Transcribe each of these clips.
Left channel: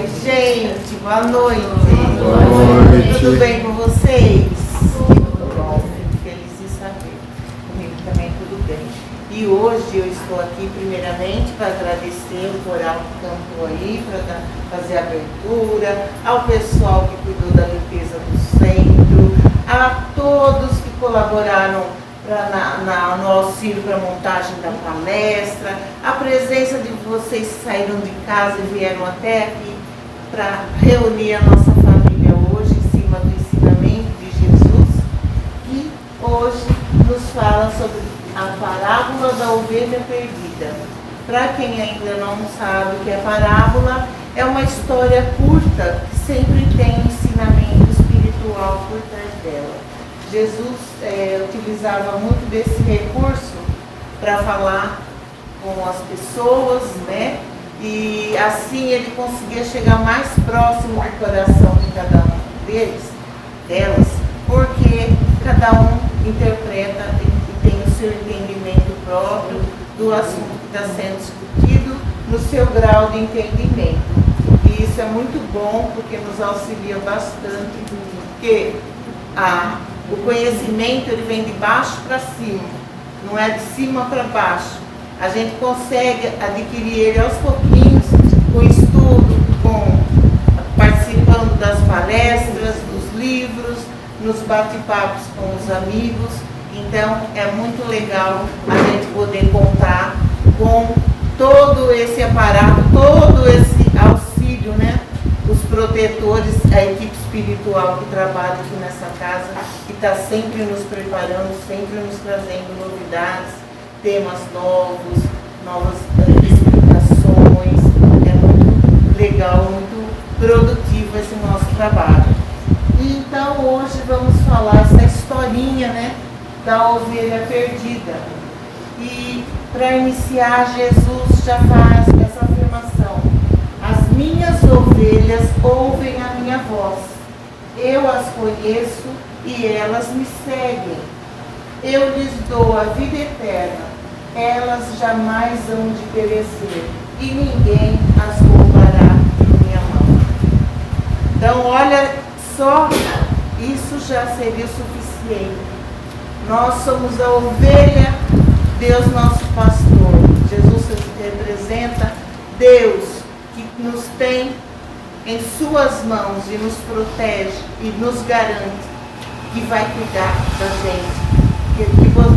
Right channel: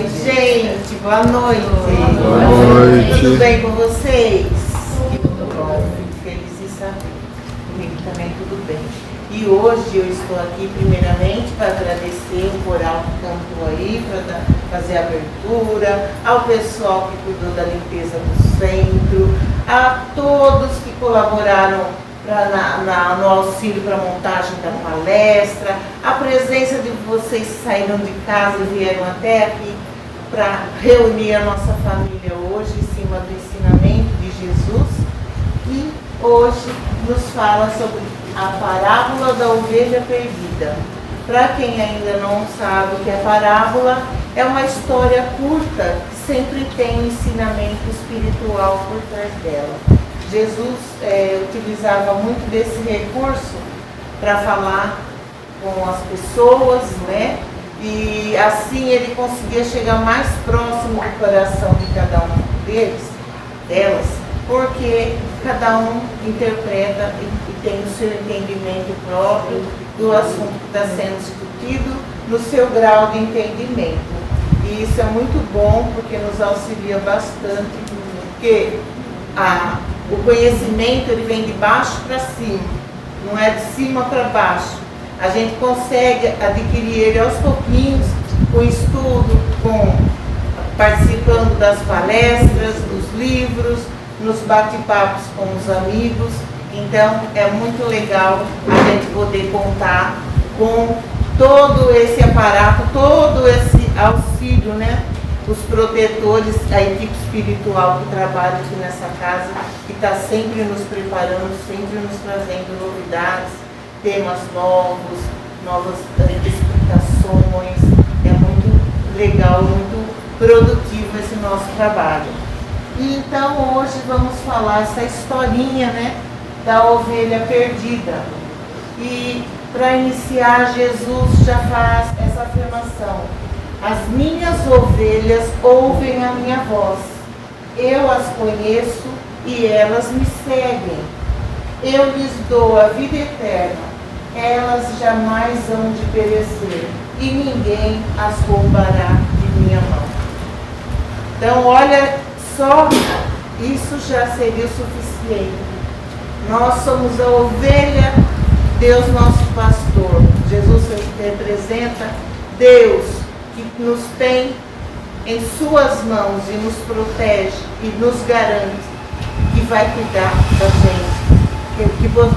Oi, gente, boa noite. Boa noite. Tudo bem com vocês? Que bom, fico feliz em saber. Comigo também tudo bem. E hoje eu estou aqui primeiramente para agradecer o coral que cantou aí, para fazer a abertura, ao pessoal que cuidou da limpeza do centro, a todos que colaboraram no auxílio para a montagem da palestra, a presença de vocês que saíram de casa e vieram até aqui para reunir a nossa família hoje em cima do ensinamento de Jesus, que hoje nos fala sobre a parábola da ovelha perdida. Para quem ainda não sabe o que é parábola, é uma história curta que sempre tem um ensinamento espiritual por trás dela. Jesus utilizava muito desse recurso para falar com as pessoas, né? E assim ele conseguia chegar mais próximo do coração de cada um delas, porque cada um interpreta e tem o seu entendimento próprio do assunto que está sendo discutido no seu grau de entendimento. E isso é muito bom porque nos auxilia bastante, porque o conhecimento ele vem de baixo para cima, não é de cima para baixo. A gente consegue adquirir ele aos pouquinhos, com estudo, participando das palestras, dos livros, nos bate-papos com os amigos. Então é muito legal a gente poder contar com todo esse aparato, todo esse auxílio, né? Os protetores, a equipe espiritual que trabalha aqui nessa casa, que está sempre nos preparando, sempre nos trazendo novidades, temas novos, novas explicações. É muito legal, muito produtivo esse nosso trabalho. E então hoje vamos falar essa historinha, né, da ovelha perdida. E para iniciar, Jesus já faz essa afirmação: as minhas ovelhas ouvem a minha voz, eu as conheço e elas me seguem. Eu lhes dou a vida eterna, elas jamais hão de perecer, e ninguém as roubará de minha mão. Então, olha só, isso já seria o suficiente. Nós somos a ovelha, Deus nosso pastor. Jesus representa Deus, que nos tem em suas mãos e nos protege e nos garante que vai cuidar da gente,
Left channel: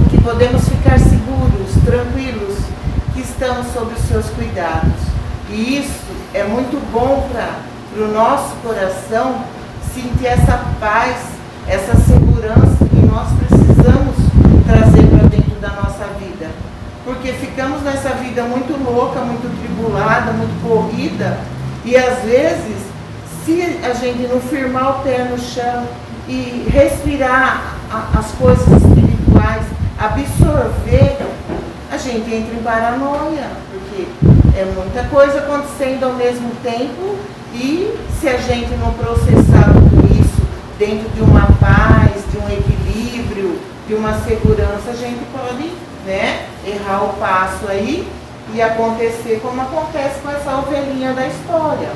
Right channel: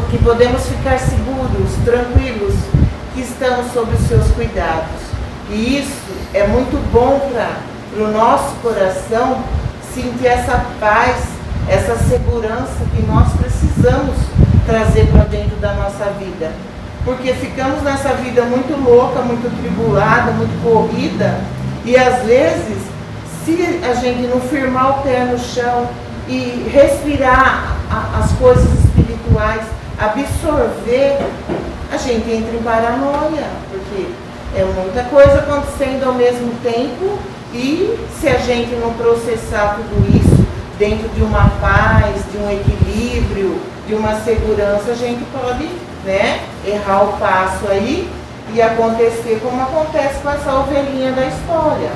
que podemos ficar seguros, tranquilos, que estamos sob os seus cuidados. E isso é muito bom para o nosso coração sentir essa paz, essa segurança que nós precisamos trazer para dentro da nossa vida. Porque ficamos nessa vida muito louca, muito tribulada, muito corrida, e às vezes, se a gente não firmar o pé no chão e respirar as coisas espirituais, absorver, a gente entra em paranoia, porque é muita coisa acontecendo ao mesmo tempo, e se a gente não processar tudo isso dentro de uma paz, de um equilíbrio, de uma segurança, a gente pode, né, errar o passo aí e acontecer como acontece com essa ovelhinha da história.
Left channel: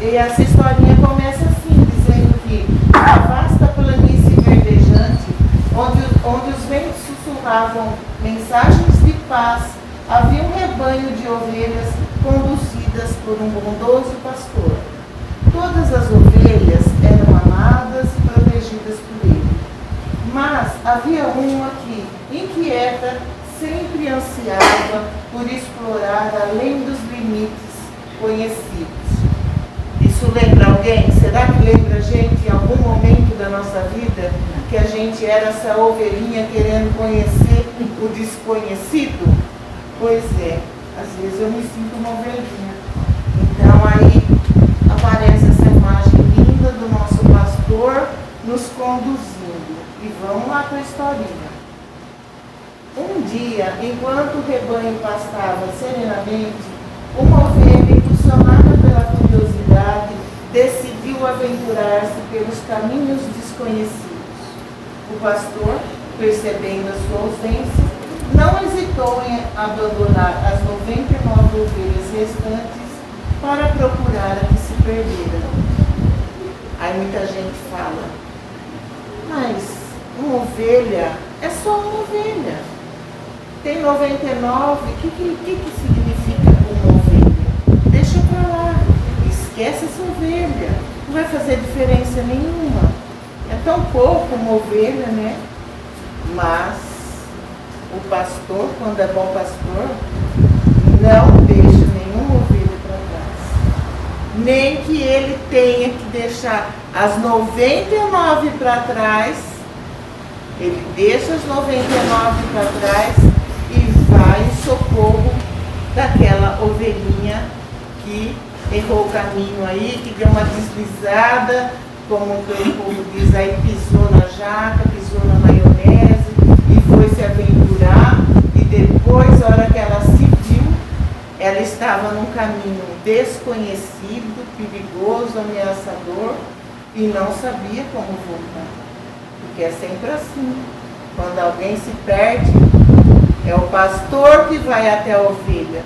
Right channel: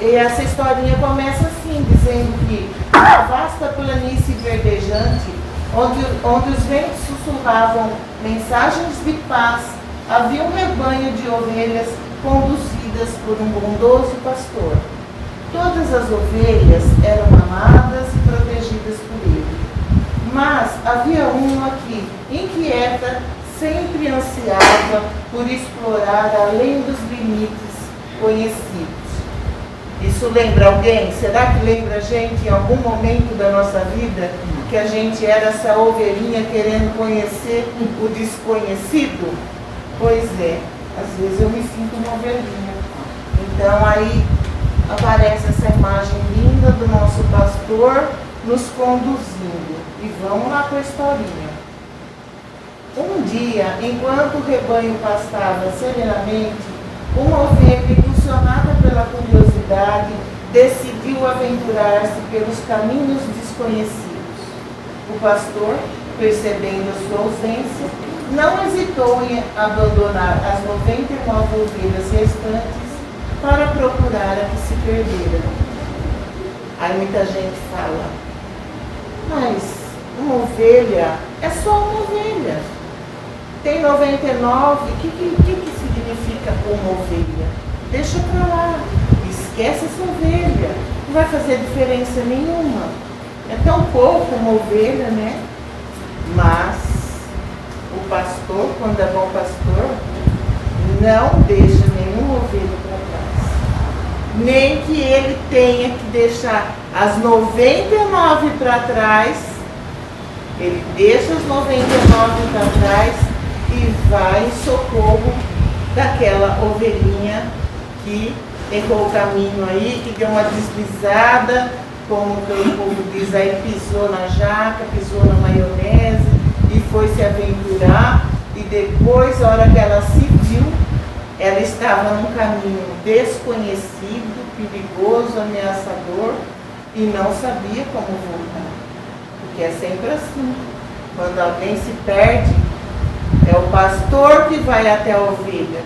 E essa historinha começa assim, dizendo que a vasta planície verdejante, onde os ventos sussurravam mensagens de paz, havia um rebanho de ovelhas conduzidas por um bondoso pastor. Todas as ovelhas eram amadas e protegidas por ele. Mas havia uma que, inquieta, sempre ansiava por explorar além dos limites conhecidos. Isso lembra alguém? Será que lembra a gente em algum momento da nossa vida que a gente era essa ovelhinha querendo conhecer o desconhecido? Pois é, às vezes eu me sinto uma ovelhinha. Então aí aparece essa imagem linda do nosso pastor nos conduzindo. E vamos lá com a historinha. Um dia, enquanto o rebanho pastava serenamente, uma ovelha, impulsionada pela curiosidade, decidiu aventurar-se pelos caminhos desconhecidos. O pastor, percebendo a sua ausência, não hesitou em abandonar as 99 ovelhas restantes para procurar a que se perderam. Aí muita gente fala, mas uma ovelha é só uma ovelha. Tem 99, o que significa uma ovelha? Deixa pra lá, esquece essa ovelha, não vai fazer diferença nenhuma. É tão pouco uma ovelha, né? Mas o pastor, quando é bom pastor, não deixa nenhuma ovelha para trás. Nem que ele tenha que deixar as 99 para trás, ele deixa as 99 para trás e vai em socorro daquela ovelhinha que errou o caminho aí, que deu uma deslizada, como o povo diz aí, pisou na jaca, pisou na maionese e foi se aventurar, e depois, a hora que ela se viu, ela estava num caminho desconhecido, perigoso, ameaçador, e não sabia como voltar. Porque é sempre assim, quando alguém se perde, é o pastor que vai até a ovelha,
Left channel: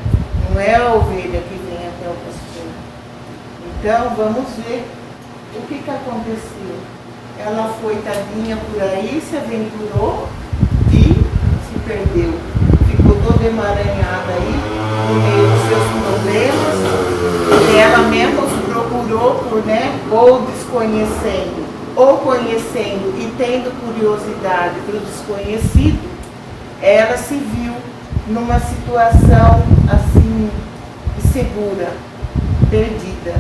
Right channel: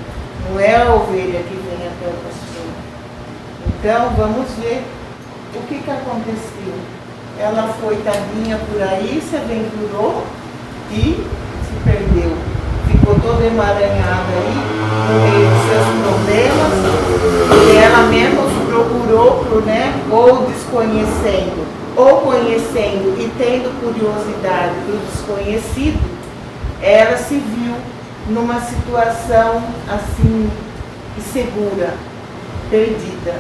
não é a ovelha que vem até o pastor. Então, vamos ver o que aconteceu. Ela foi tadinha por aí, se aventurou e se perdeu. Ficou toda emaranhada aí, no meio dos seus problemas, e ela mesma os procurou ou desconhecendo, ou conhecendo e tendo curiosidade pelo desconhecido, ela se viu numa situação assim, insegura, perdida.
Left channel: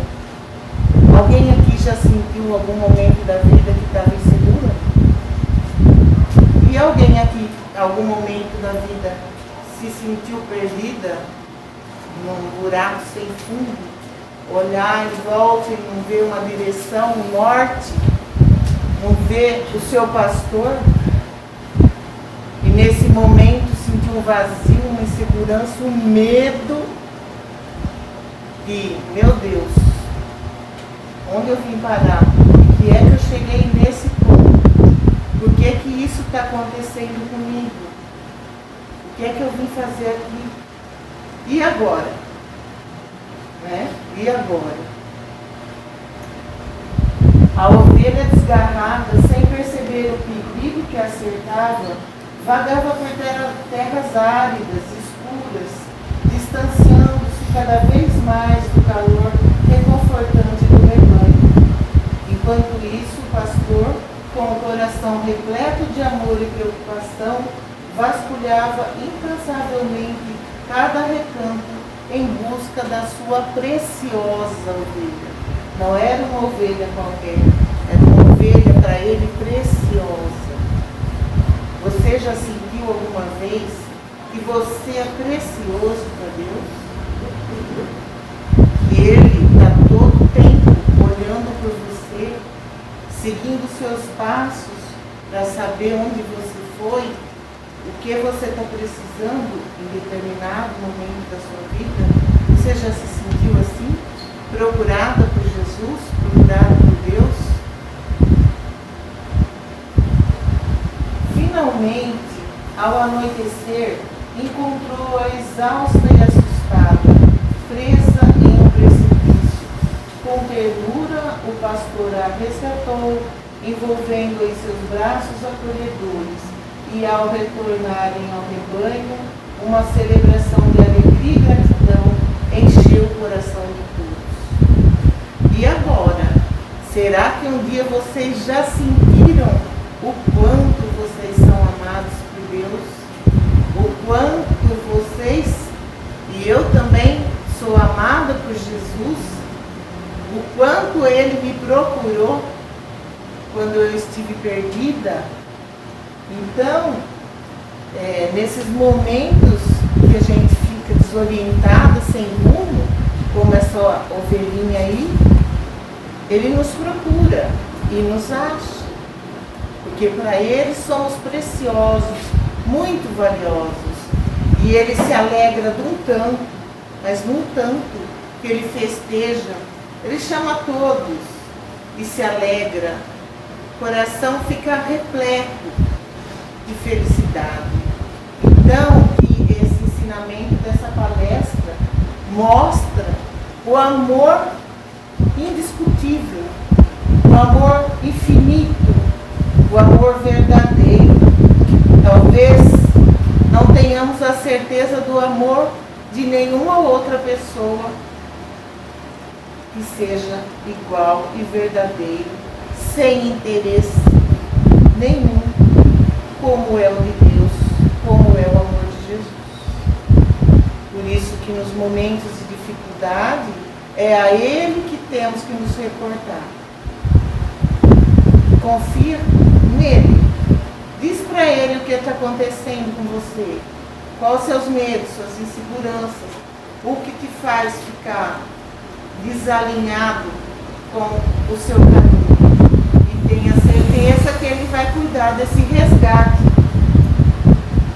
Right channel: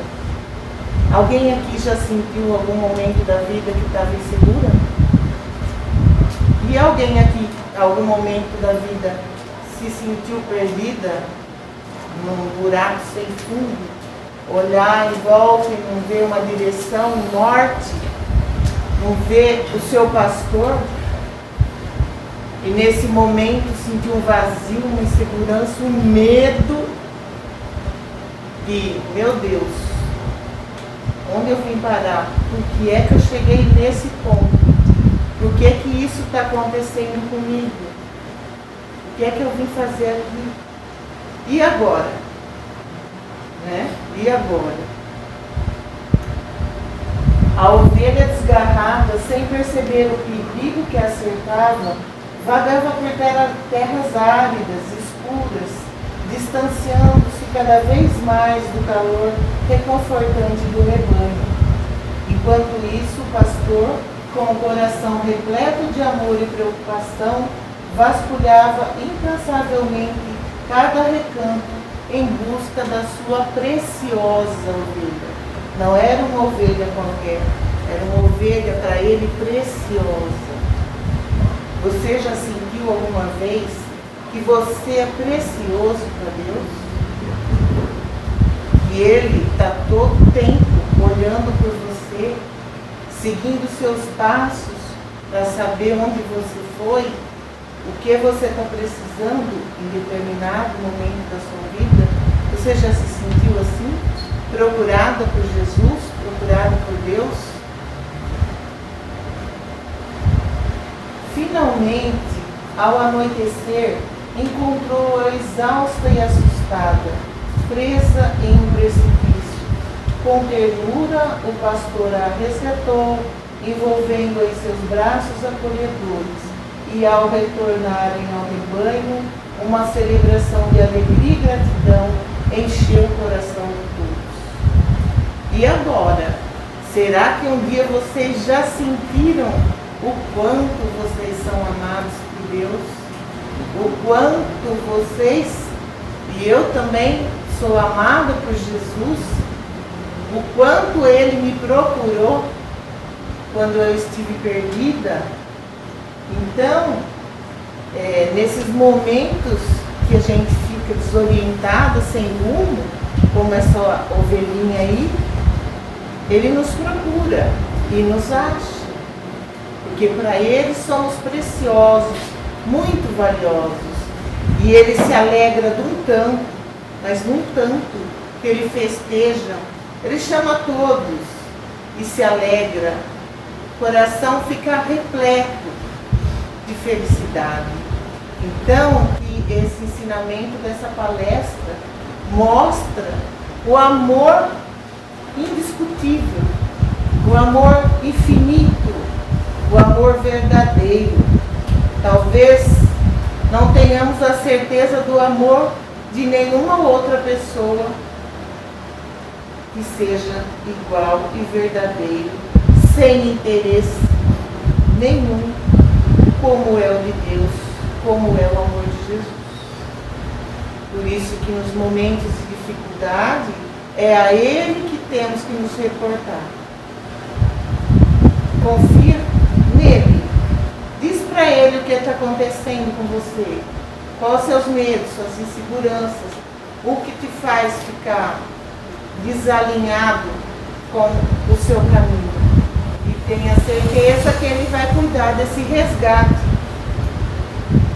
Alguém aqui já sentiu algum momento da vida que estava insegura? E alguém aqui, algum momento da vida, se sentiu perdida num buraco sem fundo? Olhar em volta e não ver uma direção, um norte? Não ver o seu pastor? E nesse momento sentiu um vazio, uma insegurança, um medo. E, meu Deus, onde eu vim parar? Por que é que eu cheguei nesse ponto? Por que que isso está acontecendo comigo? O que é que eu vim fazer aqui? E agora? Né? E agora? A ovelha desgarrada, sem perceber o perigo que a cercava, vagava por terras áridas, escuras, distanciando-se cada vez mais do calor reconfortante do rebanho. Enquanto isso, o pastor, com o coração repleto de amor e preocupação, vasculhava incansavelmente cada recanto em busca da sua preciosa ovelha. Não era uma ovelha qualquer, era uma ovelha para ele preciosa. Você já sentiu alguma vez que você é precioso para Deus? Que Ele está todo o tempo olhando por você, seguindo seus passos para saber onde você foi, o que você está precisando em determinado momento da sua vida? Você já se sentiu assim? Procurada por Jesus? Procurada por Deus? Finalmente, ao anoitecer, encontrou-a exausta e assustada, presa em um precipício. Com ternura, o pastor a resgatou, envolvendo-a em seus braços acolhedores, e ao retornarem ao rebanho, uma celebração de alegria e gratidão encheu o coração de todos. E agora, será que um dia vocês já sentiram o quanto vocês são amados por Deus? O quanto vocês, e eu também sou amada por Jesus, o quanto Ele me procurou quando eu estive perdida? Então, nesses momentos que a gente fica desorientado, sem rumo, como essa ovelhinha aí, Ele nos procura e nos acha. Porque para Ele somos preciosos, muito valiosos. E Ele se alegra de um tanto, mas num tanto que Ele festeja. Ele chama todos e se alegra. O coração fica repleto de felicidade. Então, que esse ensinamento dessa palestra mostra o amor indiscutível, o amor infinito, o amor verdadeiro. Talvez não tenhamos a certeza do amor de nenhuma outra pessoa que seja igual e verdadeiro, sem interesse nenhum, como é o de Deus, como é o amor de Jesus. Por isso que nos momentos de dificuldade, é a Ele que temos que nos reportar. Confia nele. Diz para Ele o que está acontecendo com você. Quais os seus medos, suas inseguranças, o que te faz ficar desalinhado com o seu caminho. E tenha certeza que Ele vai cuidar desse resgate.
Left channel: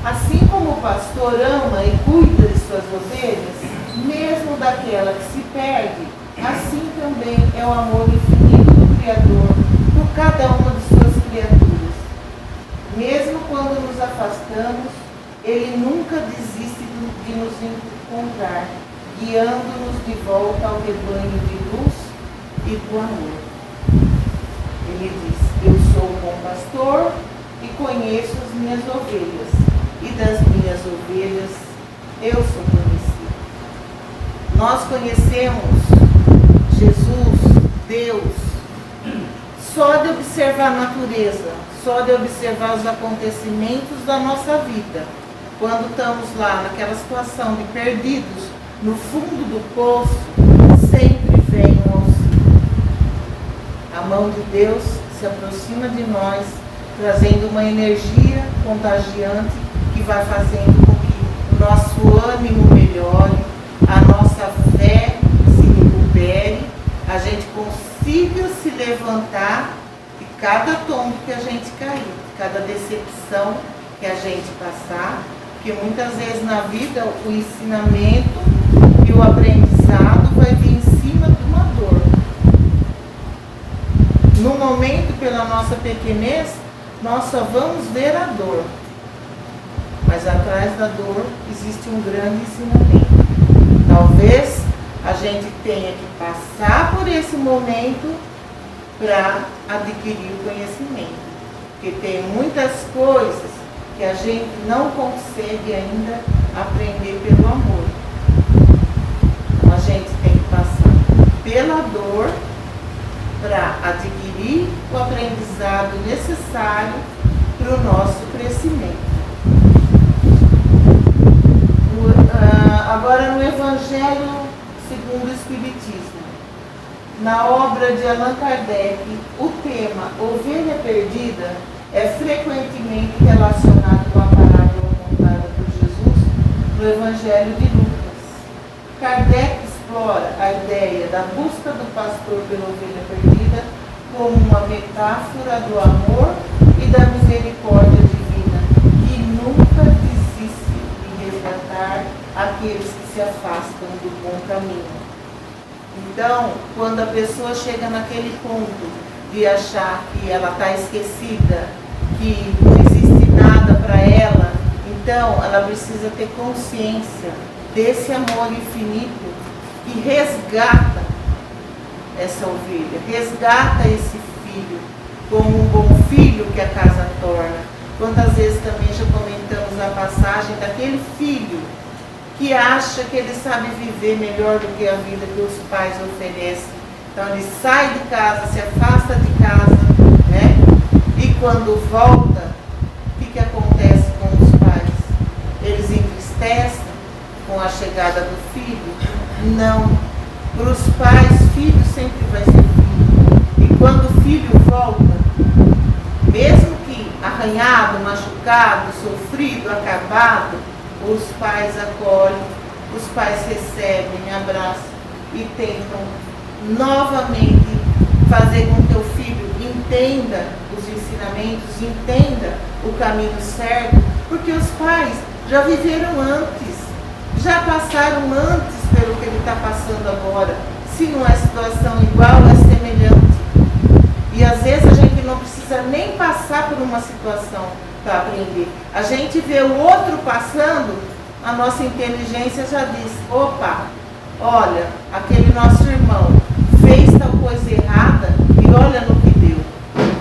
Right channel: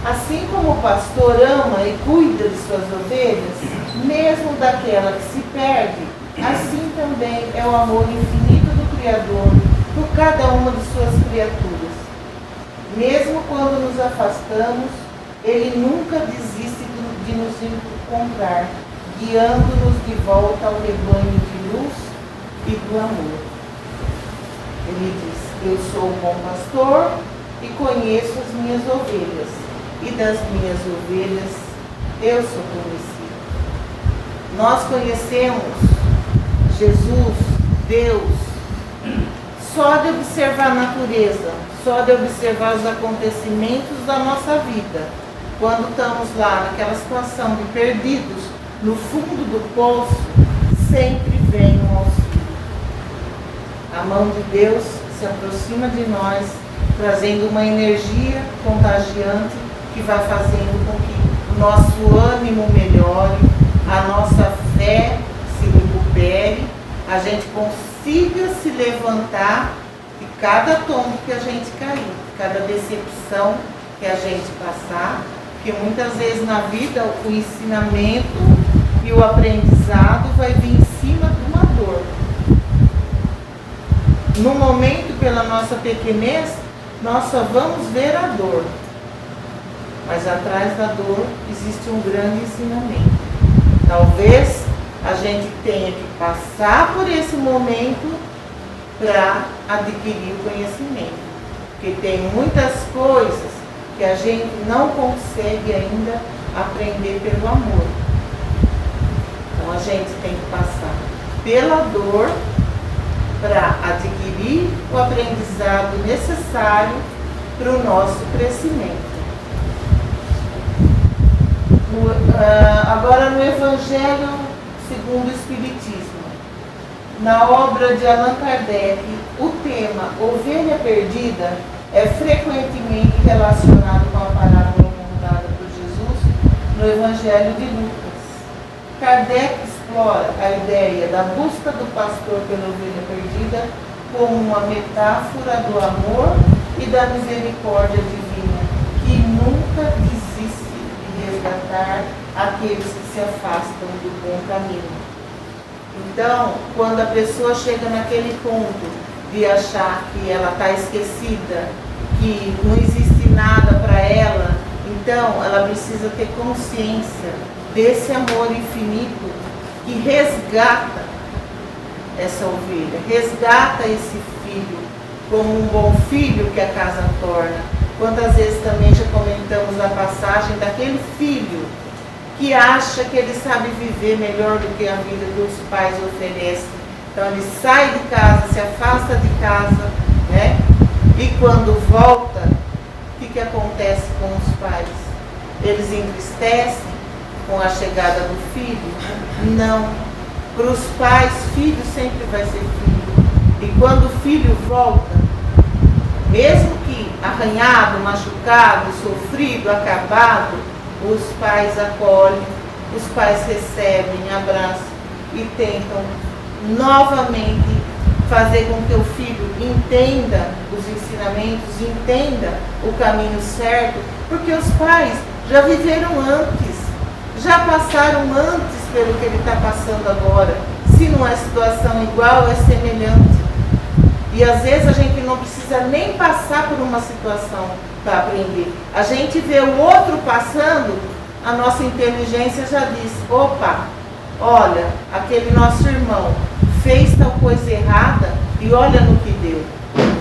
Assim como o pastor ama e cuida de suas ovelhas, mesmo daquela que se perde, assim também é o amor infinito do Criador por cada uma de suas criaturas. Mesmo quando nos afastamos, Ele nunca desiste de nos encontrar, guiando-nos de volta ao rebanho de luz e do amor. Ele diz: eu sou o bom pastor e conheço as minhas ovelhas, e das minhas ovelhas eu sou conhecido. Nós conhecemos Jesus, Deus, só de observar a natureza, só de observar os acontecimentos da nossa vida. Quando estamos lá naquela situação de perdidos, no fundo do poço, sempre vem um auxílio. A mão de Deus se aproxima de nós, trazendo uma energia contagiante que vai fazendo com que o nosso ânimo melhore, a nossa fé se recupere, a gente consiga se levantar de cada tombo que a gente cair, cada decepção que a gente passar, porque muitas vezes na vida o ensinamento e o aprendizado vai vir em cima de uma dor. No momento, pela nossa pequenez, nós só vamos ver a dor, mas atrás da dor existe um grande ensinamento. Talvez a gente tenha que passar por esse momento para adquirir o conhecimento, porque tem muitas coisas que a gente não consegue ainda aprender pelo amor. Então a gente tem que passar pela dor para adquirir o aprendizado necessário para o nosso crescimento. Agora no Evangelho segundo o Espiritismo, na obra de Allan Kardec, o tema ovelha perdida é frequentemente relacionado com a parábola contada por Jesus no Evangelho de Lucas. Kardec explora a ideia da busca do pastor pela ovelha perdida como uma metáfora do amor e da misericórdia divina, que nunca desiste de resgatar aqueles que se afastam do bom caminho. Então, quando a pessoa chega naquele ponto de achar que ela está esquecida, que não existe nada para ela, então ela precisa ter consciência desse amor infinito que resgata essa ovelha, resgata esse filho, como um bom filho que a casa torna. Quantas vezes também já comentamos a passagem daquele filho que acha que ele sabe viver melhor do que a vida que os pais oferecem. Então ele sai de casa, se afasta de casa, né? E quando volta, o que acontece com os pais? Eles entristecem com a chegada do filho? Não. Para os pais, filho sempre vai ser filho. E quando o filho volta, mesmo que arranhado, machucado, sofrido, acabado, os pais acolhem, os pais recebem, abraçam e tentam novamente fazer com que o filho entenda os ensinamentos, entenda o caminho certo, porque os pais já viveram antes, já passaram antes pelo que ele está passando agora. Se não é situação igual, é semelhante. E às vezes a gente não precisa nem passar por uma situação para aprender. A gente vê o outro passando, a nossa inteligência já diz: opa, olha, aquele nosso irmão fez tal coisa errada e olha no que deu.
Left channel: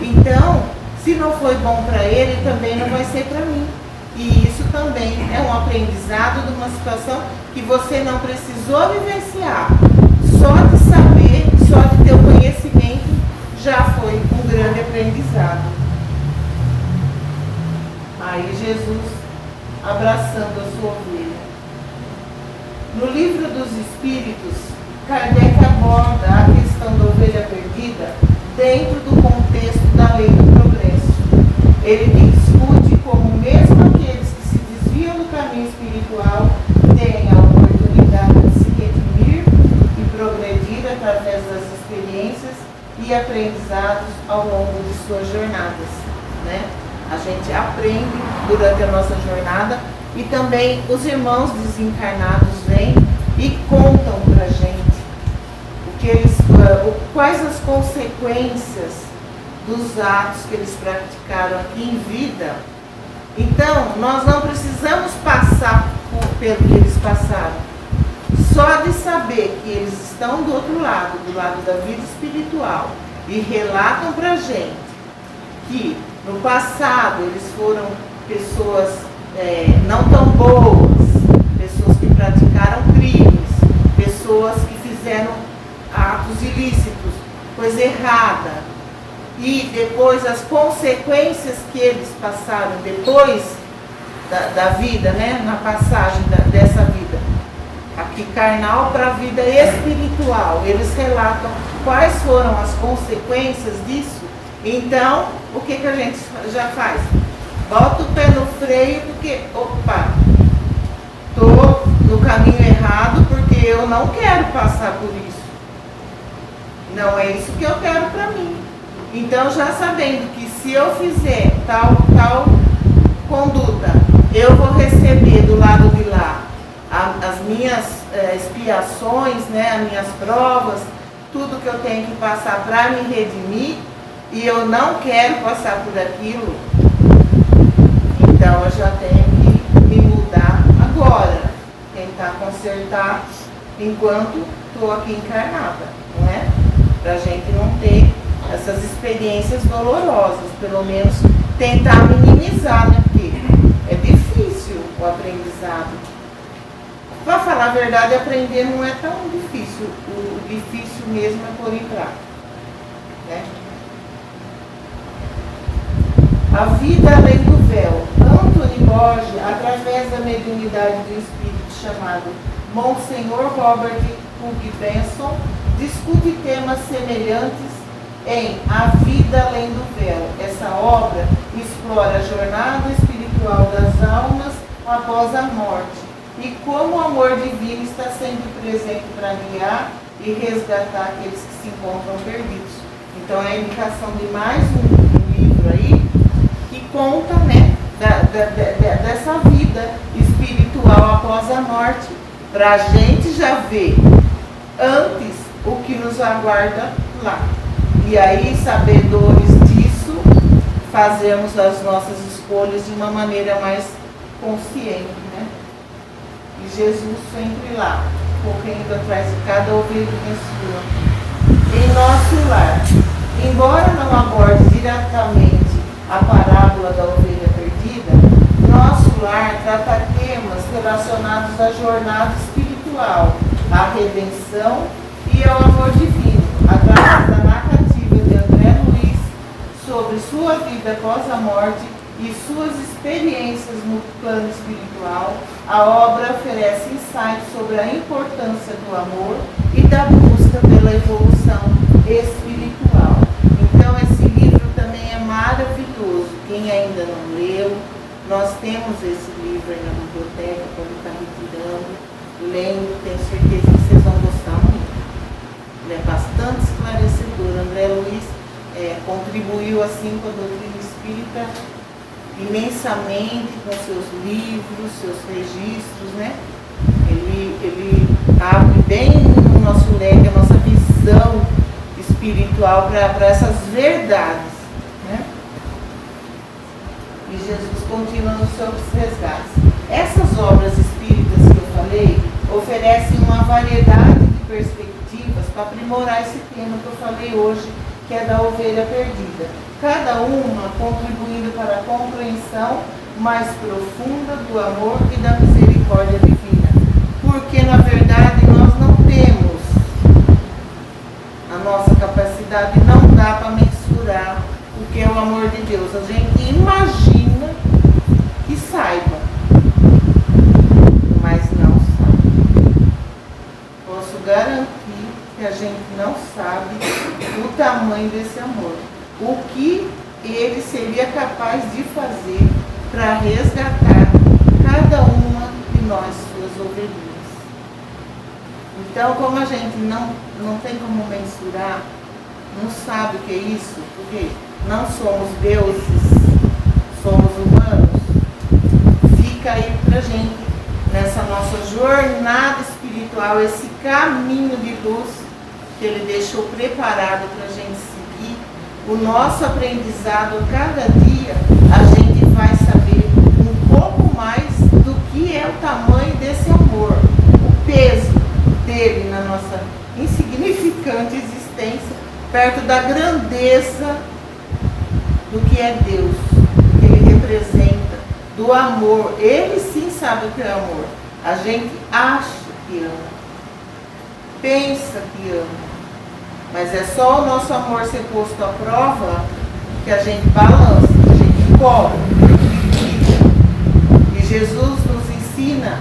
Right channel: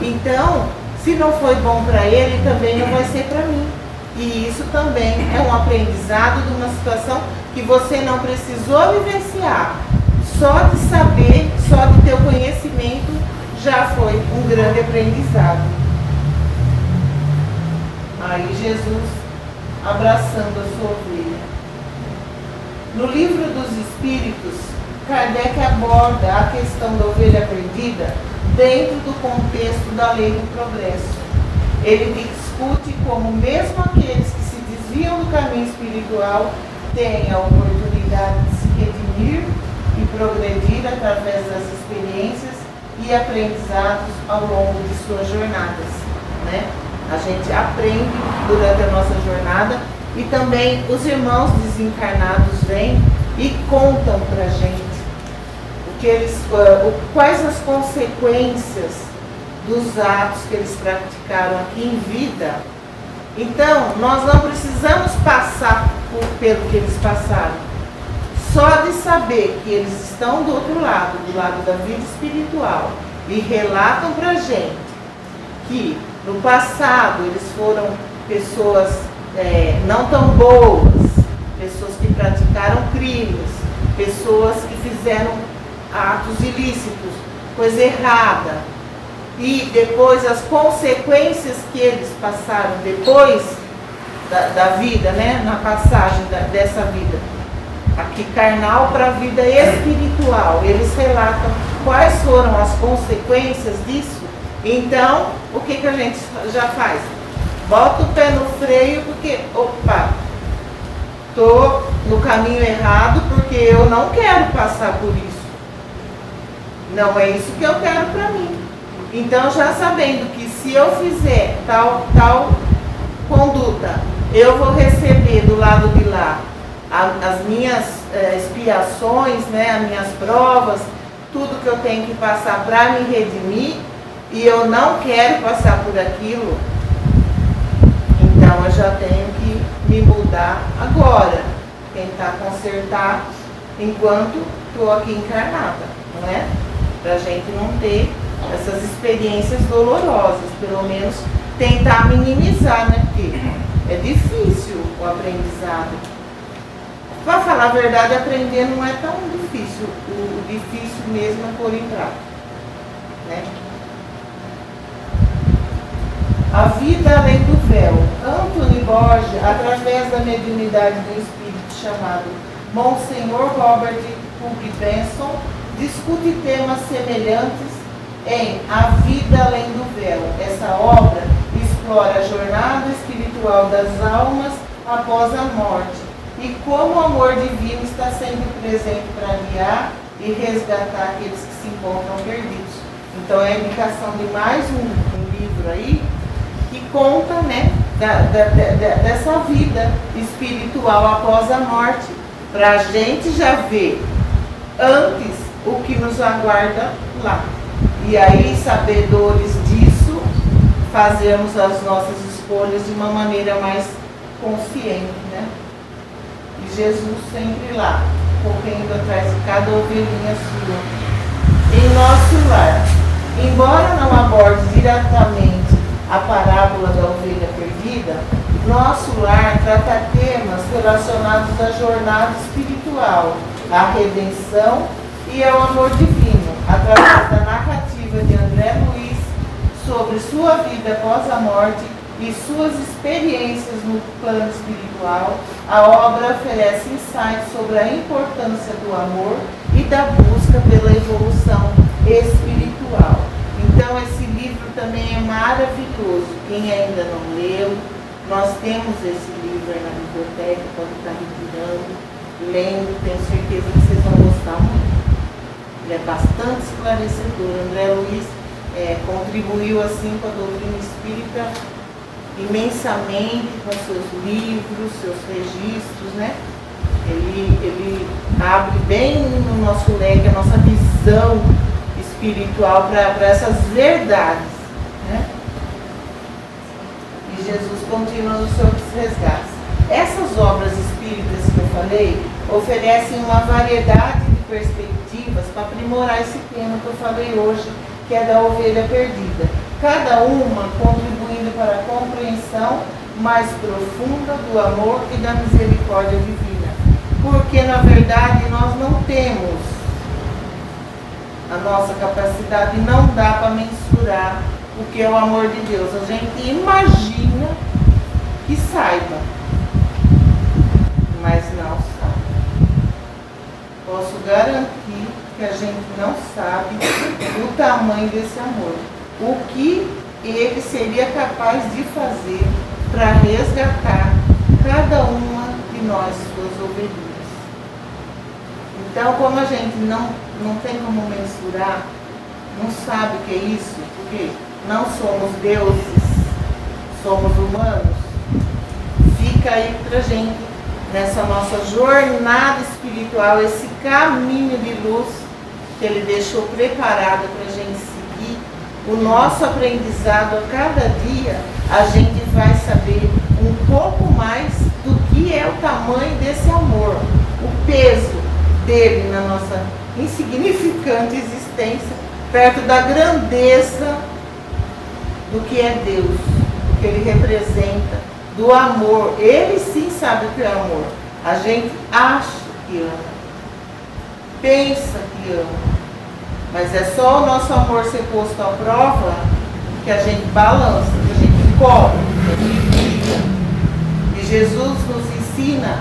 Então, se não foi bom para ele, também não vai ser para mim. E isso também é um aprendizado de uma situação que você não precisou vivenciar. Só de saber, só de ter o conhecimento, já foi um grande aprendizado. Aí Jesus abraçando a sua ovelha. No livro dos Espíritos, Kardec aborda a questão da ovelha perdida dentro do contexto da lei do progresso. Ele discute como mesmo aqueles que se desviam do caminho espiritual têm a oportunidade de se redimir e progredir através das experiências e aprendizados ao longo de suas jornadas, né? A gente aprende durante a nossa jornada e também os irmãos desencarnados vêm e contam para a gente quais as consequências dos atos que eles praticaram aqui em vida. Então, nós não precisamos passar pelo que eles passaram. Só de saber que eles estão do outro lado, do lado da vida espiritual, e relatam para a gente que no passado eles foram pessoas não tão boas, pessoas que praticaram crimes, pessoas que fizeram atos ilícitos, coisa errada, e depois as consequências que eles passaram depois da vida, né, na passagem dessa vida, aqui carnal para a vida espiritual, eles relatam quais foram as consequências disso. Então, o que a gente já faz? Bota o pé no freio porque, opa, estou no caminho errado porque eu não quero passar por isso. Não é isso que eu quero para mim. Então, já sabendo que se eu fizer tal conduta, eu vou receber do lado de lá as minhas expiações, né, as minhas provas, tudo que eu tenho que passar para me redimir, e eu não quero passar por aquilo, então eu já tenho que me mudar agora, tentar consertar enquanto estou aqui encarnada, não é? Para a gente não ter essas experiências dolorosas, pelo menos tentar minimizar, né? Porque é difícil o aprendizado. Para falar a verdade, aprender não é tão difícil. O difícil mesmo é pôr em prática, né? A vida além do véu. Anthony Borges, através da mediunidade do espírito chamado Monsenhor Robert Hugh Benson, discute temas semelhantes em A Vida Além do Véu. Essa obra explora a jornada espiritual das almas após a morte e como o amor divino está sempre presente para guiar e resgatar aqueles que se encontram perdidos. Então é a indicação de mais um livro aí que conta, né, dessa vida espiritual após a morte, para a gente já ver antes o que nos aguarda lá. E aí, sabedores disso, fazemos as nossas escolhas de uma maneira mais consciente, né? E Jesus sempre lá, correndo atrás de cada ovelhinha sua. Em nosso lar, embora não aborde diretamente a parábola da ovelha perdida, nosso lar trata temas relacionados à jornada espiritual, à redenção e ao amor divino, através da narrativa de André Luiz sobre sua vida após a morte e suas experiências no plano espiritual. A obra oferece insights sobre a importância do amor e da busca pela evolução espiritual. Então, esse livro também é maravilhoso. Quem ainda não leu, nós temos esse livro aí na biblioteca, pode estar retirando, lendo, tenho certeza que vocês vão gostar muito. Ele é bastante esclarecedor. André Luiz contribuiu assim com a doutrina espírita imensamente com seus livros, seus registros, né? Ele abre bem no nosso leque a nossa visão espiritual para essas verdades, né? E Jesus continua nos seus resgates. Essas obras espíritas que eu falei oferecem uma variedade de perspectivas para aprimorar esse tema que eu falei hoje, que é da ovelha perdida. Cada uma contribuindo para a compreensão mais profunda do amor e da misericórdia divina. Porque, na verdade, nós não temos a nossa capacidade, não dá para mensurar o que é o amor de Deus. A gente imagina que saiba, mas não sabe. Posso garantir que a gente não sabe o tamanho desse amor. O que ele seria capaz de fazer para resgatar cada uma de nós, suas ovelhinhas. Então, como a gente não tem como mensurar, não sabe o que é isso, porque não somos deuses, somos humanos, fica aí pra gente, nessa nossa jornada espiritual, esse caminho de luz que ele deixou preparado pra gente seguir, o nosso aprendizado a cada dia, a gente vai saber um pouco mais do que é o tamanho desse amor, o peso dele na nossa insignificante existência, perto da grandeza do que é Deus, do que ele representa, do amor. Ele sim sabe o que é amor. A gente acha que ama, pensa que ama, mas é só o nosso amor ser posto à prova que a gente balança, que a gente cobre, que a gente briga. E Jesus nos ensina,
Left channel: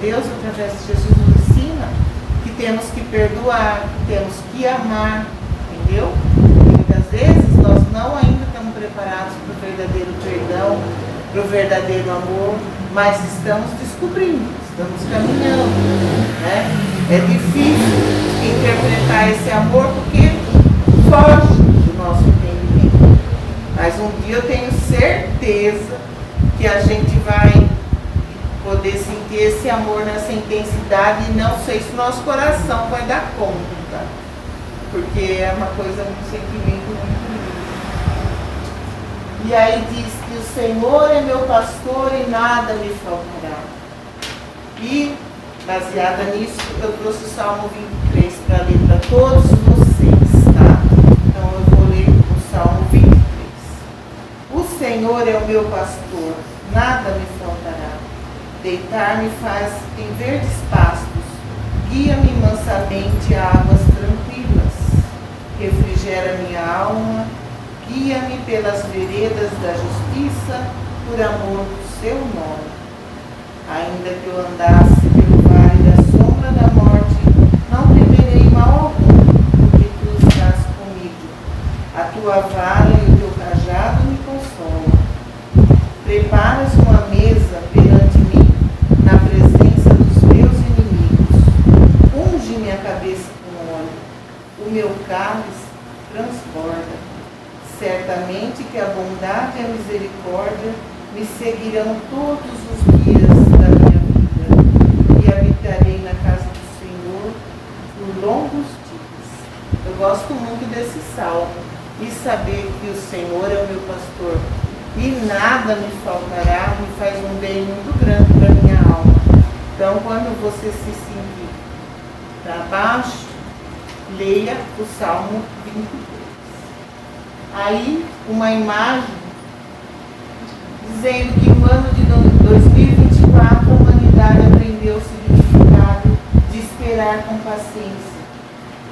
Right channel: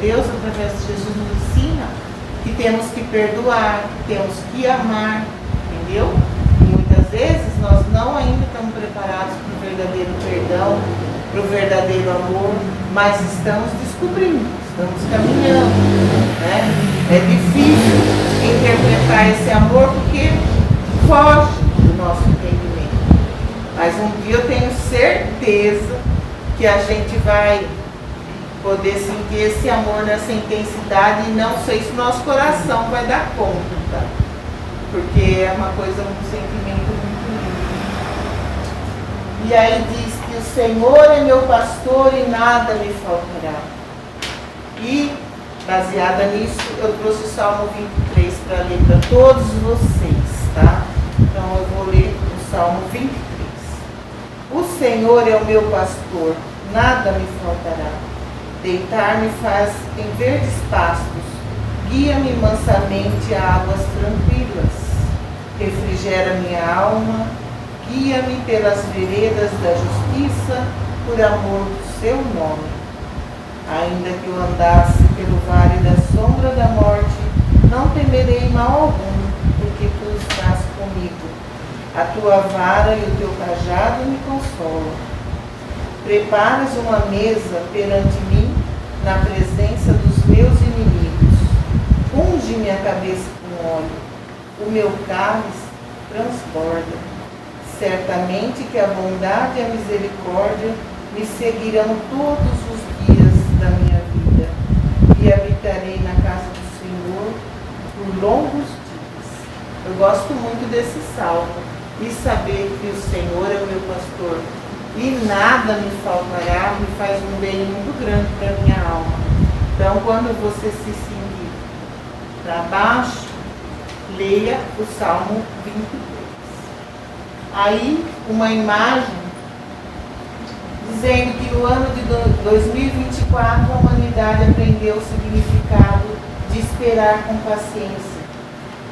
Deus através de Jesus nos ensina que temos que perdoar, que temos que amar, entendeu? E muitas vezes nós não ainda estamos preparados para o verdadeiro perdão, para o verdadeiro amor, mas estamos descobrindo, estamos caminhando, né? É difícil interpretar esse amor porque foge do nosso entendimento. Mas um dia eu tenho certeza que a gente vai poder sentir esse amor nessa intensidade, e não sei se o nosso coração vai dar conta, tá? Porque é uma coisa, um sentimento muito lindo. E aí diz que o Senhor é meu pastor e nada me faltará. E, baseada nisso, eu trouxe o Salmo 23 para ler para todos vocês, tá? Então eu vou ler o Salmo 23. O Senhor é o meu pastor, nada me faltará. Deitar-me faz em verdes pastos, guia-me mansamente a águas tranquilas. Refrigera minha alma, guia-me pelas veredas da justiça, por amor do seu nome. Ainda que eu andasse pelo vale da sombra da morte, não temerei mal algum, porque tu estás comigo. A tua vara e o teu cajado me consolam. Preparas uma mesa perante mim, na presença dos meus inimigos. Unge minha cabeça com óleo, o meu cálice transborda. Certamente que a bondade e a misericórdia me seguirão todos os dias da minha vida, e habitarei na casa do Senhor por longos dias. Eu gosto muito desse salmo, e saber que o Senhor é o meu pastor e nada me faltará, me faz um bem muito grande para a minha alma. Então, quando você se sentir para baixo, leia o Salmo 23. Aí, uma imagem dizendo que no ano de 2024 a humanidade aprendeu o significado de esperar com paciência.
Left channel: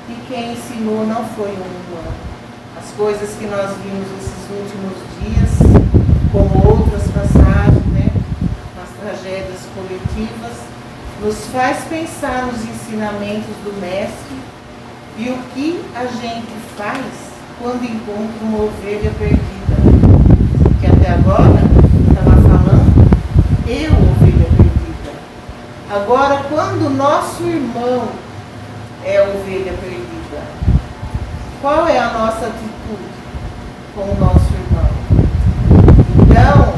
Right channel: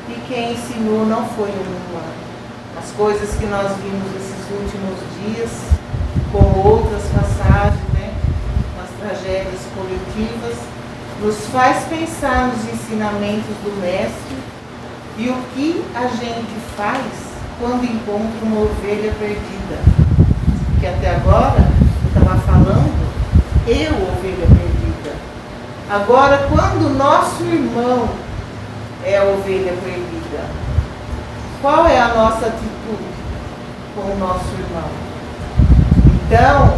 E quem ensinou não foi um humano. As coisas que nós vimos nesses últimos dias, como outras passagens, né, nas tragédias coletivas, nos faz pensar nos ensinamentos do Mestre e o que a gente faz quando encontra uma ovelha perdida. Que até agora eu estava falando, eu, ovelha perdida. Agora, quando o nosso irmão é ovelha perdida, qual é a nossa atitude com o nosso irmão? Então,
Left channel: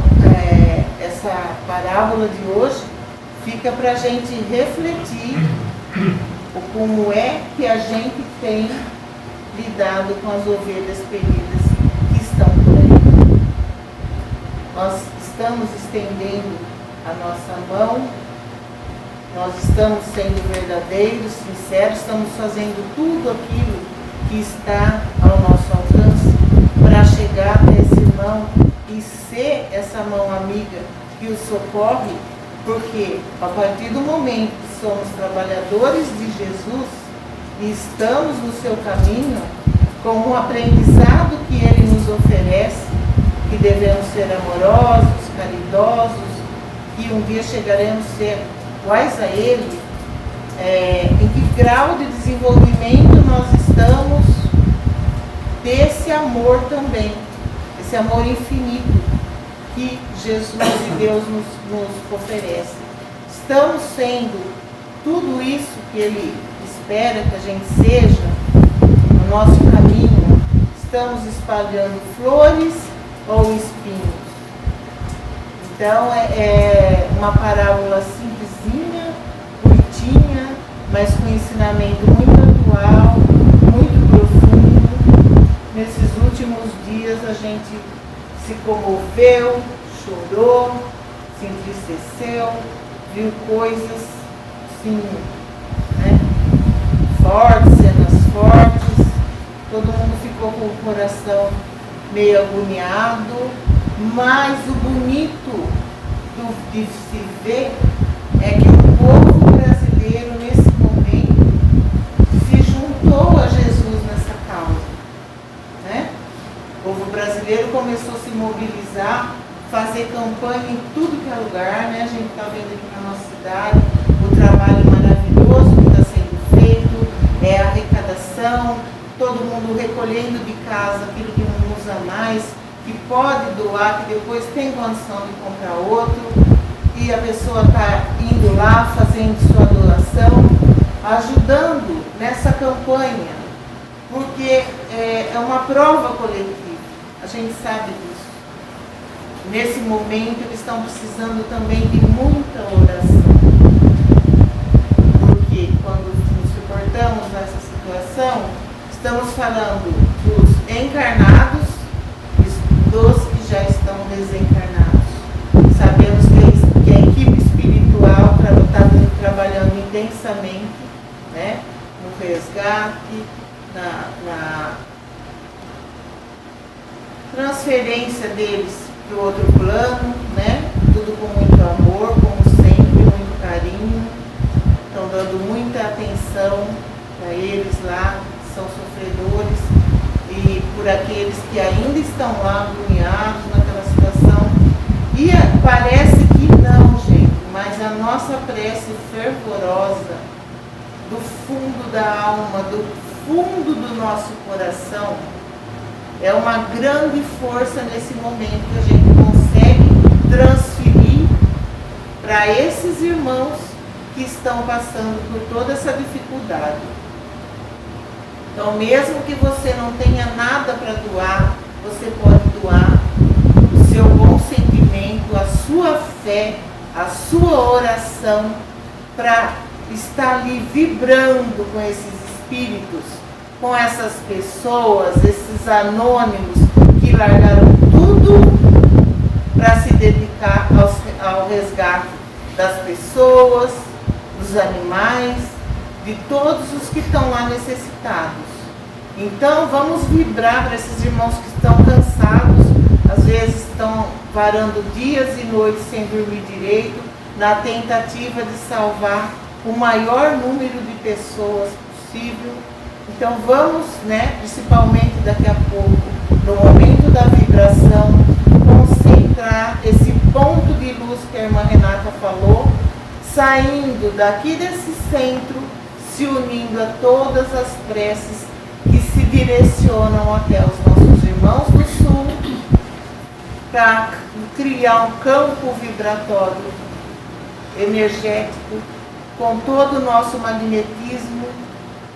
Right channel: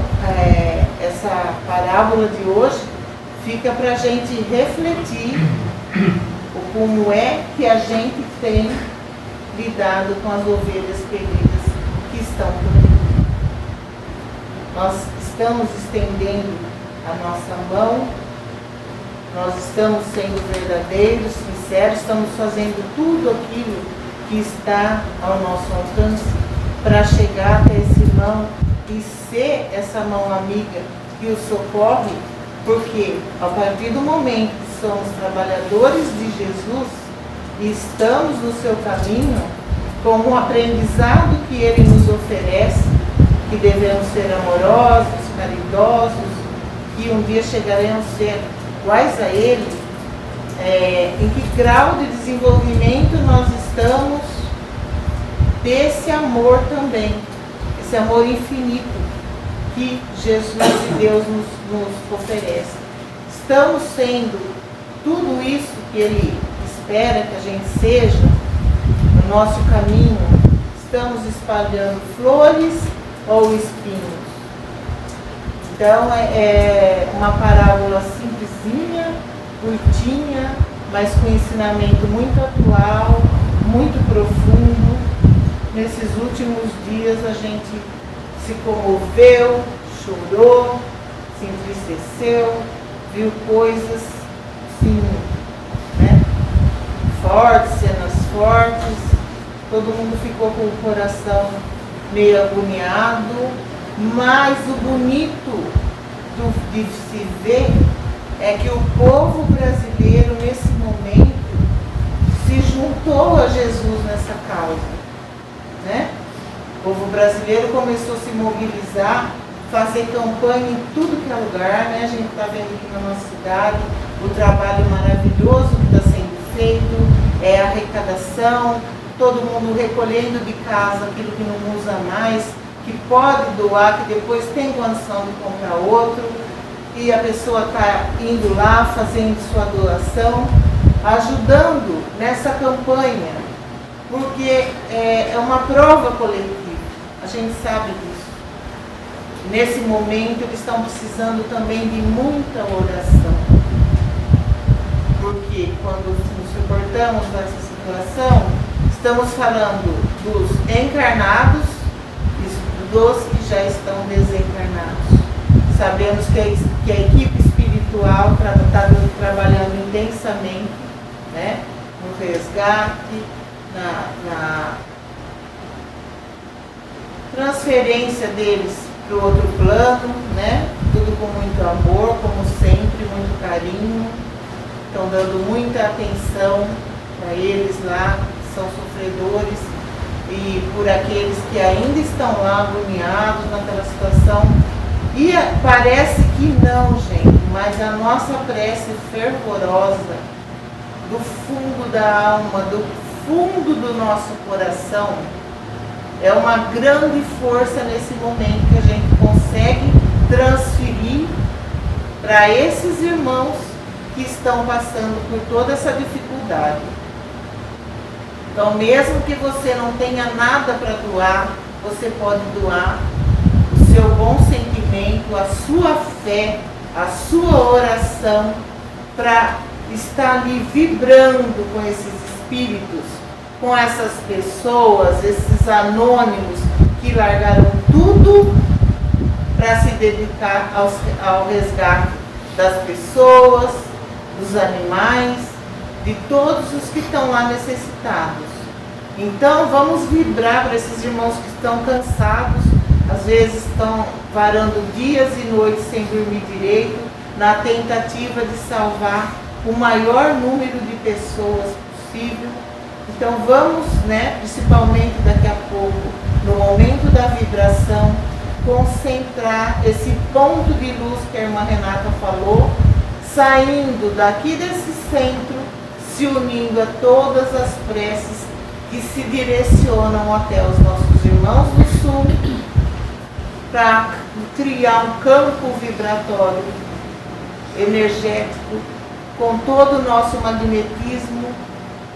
essa parábola de hoje fica para a gente refletir o como é que a gente tem lidado com as ovelhas perdidas que estão por aí. Nós estamos estendendo a nossa mão. Nós estamos sendo verdadeiros, sinceros, estamos fazendo tudo aquilo que está ao nosso alcance para chegar até esse irmão e ser essa mão amiga que o socorre, porque a partir do momento que somos trabalhadores de Jesus e estamos no seu caminho, com o aprendizado que ele nos oferece, que devemos ser amorosos, caridosos, que um dia chegaremos a ser iguais a ele, em que grau de desenvolvimento nós estamos desse amor também, esse amor infinito que Jesus e Deus nos oferece. Estamos sendo tudo isso que ele espera que a gente seja no nosso caminho. Estamos espalhando flores ou espinhos? Então é uma parábola simplesinha, curtinha, mas com ensinamento muito atual, muito profundo. Nesses últimos dias a gente se comoveu, chorou, se entristeceu, viu coisas sim, né, fortes, cenas fortes, todo mundo ficou com o coração meio agoniado, mas o bonito de se ver é que o povo brasileiro nesse momento se juntou a Jesus nessa causa, né? O povo brasileiro começou a se mobilizar, fazer campanha em tudo que é lugar, né? A gente está vendo aqui na nossa cidade o trabalho maravilhoso que está sendo feito, a arrecadação, todo mundo recolhendo de casa aquilo que não usa mais, que pode doar, que depois tem condição de comprar outro, e a pessoa está indo lá, fazendo sua doação, ajudando nessa campanha, porque é uma prova coletiva, a gente sabe disso. Nesse momento eles estão precisando também de muita oração, porque quando nos suportamos nessa situação, estamos falando dos encarnados e dos que já estão desencarnados. Sabemos que a equipe espiritual está trabalhando intensamente, né, no resgate, na transferência deles para o outro plano, né, tudo com muito amor, como sempre, muito carinho. Estão dando muita atenção para eles lá, que são sofredores, e por aqueles que ainda estão lá agoniados naquela situação. E parece que não, gente, mas a nossa prece fervorosa, do fundo da alma, do fundo do nosso coração, é uma grande força nesse momento que a gente consegue transferir para esses irmãos que estão passando por toda essa dificuldade. Então, mesmo que você não tenha nada para doar, você pode doar o seu bom sentimento, a sua fé, a sua oração, para estar ali vibrando com esses espíritos, com essas pessoas, esses anônimos que largaram tudo para se dedicar ao resgate das pessoas, dos animais, de todos os que estão lá necessitados. Então vamos vibrar para esses irmãos que estão cansados, às vezes estão varando dias e noites sem dormir direito, na tentativa de salvar o maior número de pessoas possível. Então vamos, né, principalmente daqui a pouco, no momento da vibração, concentrar esse ponto de luz que a irmã Renata falou, saindo daqui desse centro, se unindo a todas as preces que se direcionam até os nossos irmãos do Sul, para criar um campo vibratório energético com todo o nosso magnetismo,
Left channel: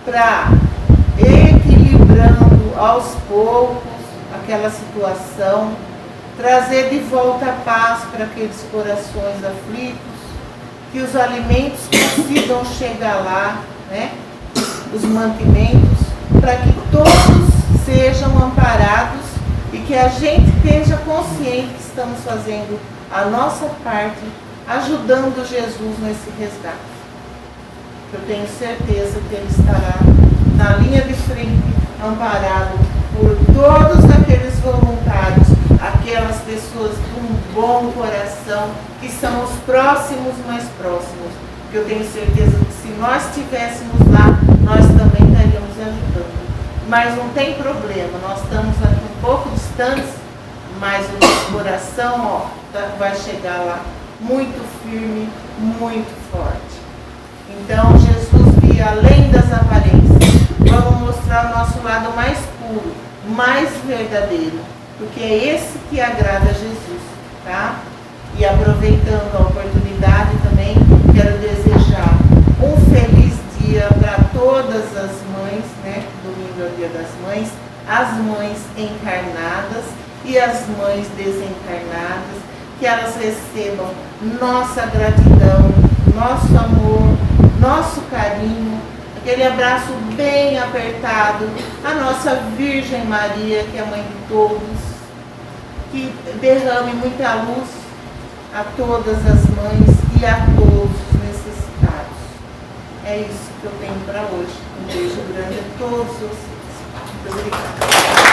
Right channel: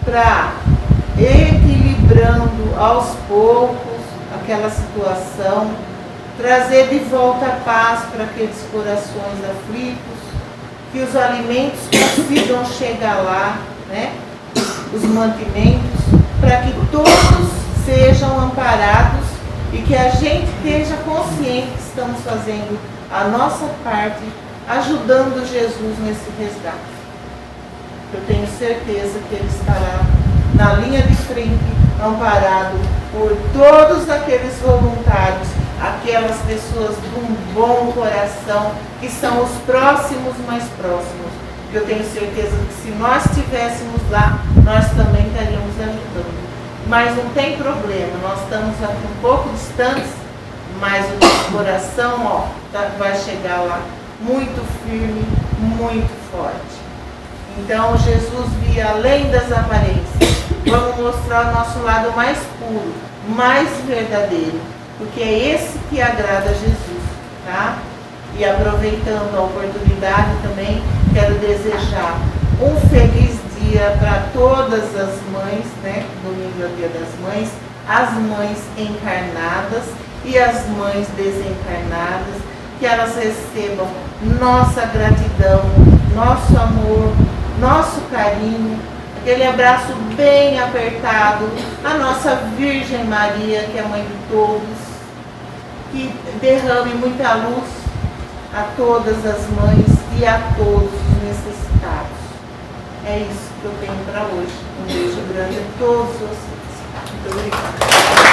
para equilibrando aos poucos aquela situação, trazer de volta a paz para aqueles corações aflitos, que os alimentos consigam chegar lá, né? Os mantimentos, para que todos sejam amparados e que a gente esteja consciente que estamos fazendo a nossa parte ajudando Jesus nesse resgate. Eu tenho certeza que ele estará na linha de frente, amparado por todos aqueles voluntários, aquelas pessoas de um bom coração, que são os próximos mais próximos. Que eu tenho certeza que se nós estivéssemos lá, nós também estaríamos ajudando. Mas não tem problema, nós estamos aqui um pouco distantes, mas o nosso coração vai chegar lá muito firme, muito forte. Então Jesus via além das aparências. Vamos mostrar o nosso lado mais puro, mais verdadeiro, porque é esse que agrada a Jesus, tá? E aproveitando a oportunidade também, quero desejar um feliz dia para todas as mães, né? Domingo é o Dia das Mães, as mães encarnadas e as mães desencarnadas, que elas recebam nossa gratidão, nosso amor, nosso carinho, aquele abraço bem apertado, a nossa Virgem Maria, que é a mãe de todos, que derrame muita luz a todas as mães e a todos os necessitados. É isso que eu tenho para hoje. Um beijo grande a todos vocês. Muito obrigada.